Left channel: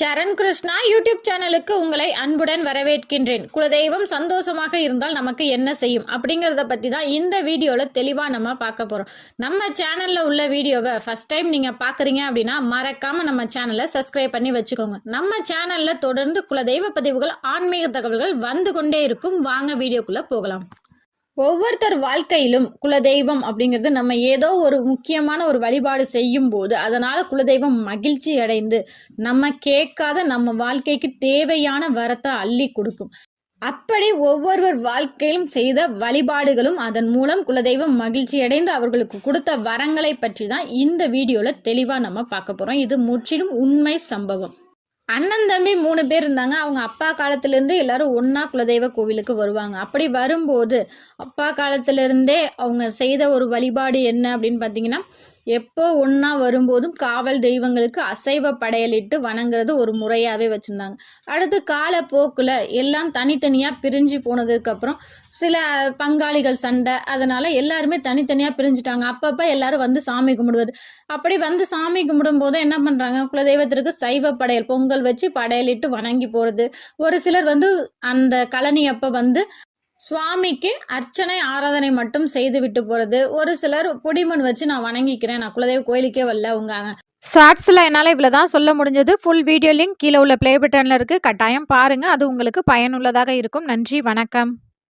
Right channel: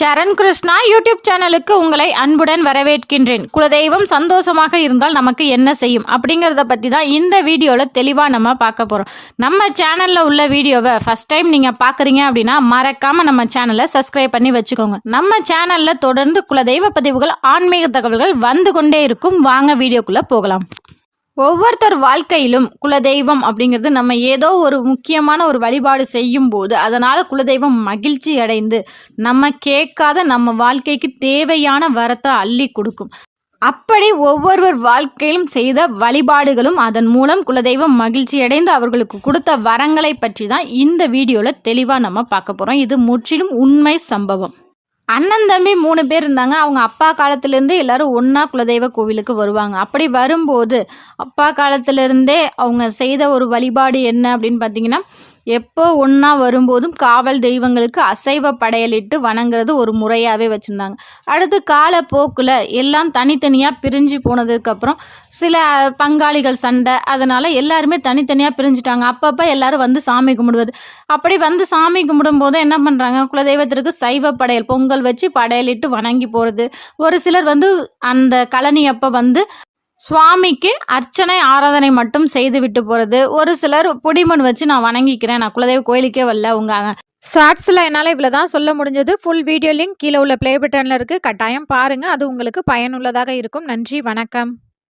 சரண் Krishna YouTube சேனலுக்கு உங்களை அன்புடன் வரவேற்கின்றேன். குலதெய்வம் சந்தோஷமாக இருந்தால் நமக்கு என்ன செய்யும்? அப்படிங்கிறத பற்றி தான் இந்த வீடியோவில் தெளிவாக நம்ம பார்க்க போகிறோம் நம்ம சேனலில் உள்ள வீடியோவை ஃபஸ்ட் டைம் நீங்கள் பார்க்குறீங்க அப்படின்னா மறக்காமல் நம்ம சேனலை சப்ஸ்கிரைப் பண்ணி வச்சுக்கோங்க. நம்ம சேனலில் தொடர்ந்து குலதெய்வ பதிவுகள் ஆன்மீக தகவல்கள் வந்து கொண்டே இருக்கும். வாங்க வீடியோக்குள்ளே போகலாம். ஒவ்வொருத்தர் வாழ்க்கையிலும் குலதெய்வம் அப்படிங்கிறது நம்ம ஏதோ ஒரு முக்கியமான ஒரு வழிபாடு செய்யும் போது அதனால் குலதெய்வம் மகிழ்ச்சி அடைந்து நம்ம கேட்காத நம்ம வாழ்க்கைக்கு தேவையான வரத்தை அள்ளி கொடுக்கும். அப்படி ஒவ்வொருவர் வாழ்க்கையிலும் செய்த வழிபாடுகளும் அதன் மூலம் குலதெய்வம் மகிழ்ச்சி அடைந்து அவர்களுக்கு கொடுத்த வரங்களை பற்றி தான் இந்த வீடியோவில் தெளிவாக நம்ம பார்க்க போகிறோம் இது முற்றிலும் உண்மை சம்பவம். அண்ணன் தம்பி மூணு பேர் இருந்தாங்க. அவங்க அப்பா காலத்துலேருந்து எல்லாரும் ஒன்றா குலதெய்வ கோவிலுக்கு வருவாங்க. அப்படி வரும்போது அப்பா காலத்திலேருந்தே அவங்க செய்த ஒரு வழிபாடு என்ன அப்படின்னு பார்த்தீங்கன்னா எப்போ ஒன்றா வரும்போதும் காவல் தெய்வங்களுக்கு அசைவ படையலிட்டு வணங்குறது ஒரு முறையாகவே வச்சுருந்தாங்க. அடுத்து காலப்போக்கில் எல்லாம் தனித்தனியாக பிரிஞ்சு போனதுக்கப்புறம் சில பங்காளிகள் சண்டை அதனால் எல்லாருமே தனித்தனியாக பிரிஞ்சுட்டாங்க. அப்பப்போ எல்லாரும் வந்து சாமி கும்பிடுவது. அப்படி வந்து சாமி கும்பிடும்போது என்ன பண்ணுறாங்க குலதெய்வத்திற்கு சைவ படையல் பொங்கல் வச்சு படையலிட்டு வணங்கி போகிறது ஒரு சிலர் வந்து அந்த கழனி அப்போ வந்து சுவாமிக்கு அர்ச்சனை ஆராதனை மட்டும் செய்து விட்டு போகிறது ஒரு சிலர் புடிமண் வச்சு நான் வணங்கிக்கிறேன். நான் குலதெய்வ கோயிலுக்கே வரல. உங்க ஷார்ட்ஸில் என்னால் இவ்வளோ தான் சொல்ல முடிஞ்சது. ஃபுல் வீடியோ லிங்க் கீழே உள்ள ப்ளே பட்டனில் இருக்குது கட்டாயம் பாருங்கள் அது உங்களுக்கு பயனுள்ளதாக இருக்கும். நன்றி. வணக்கம்.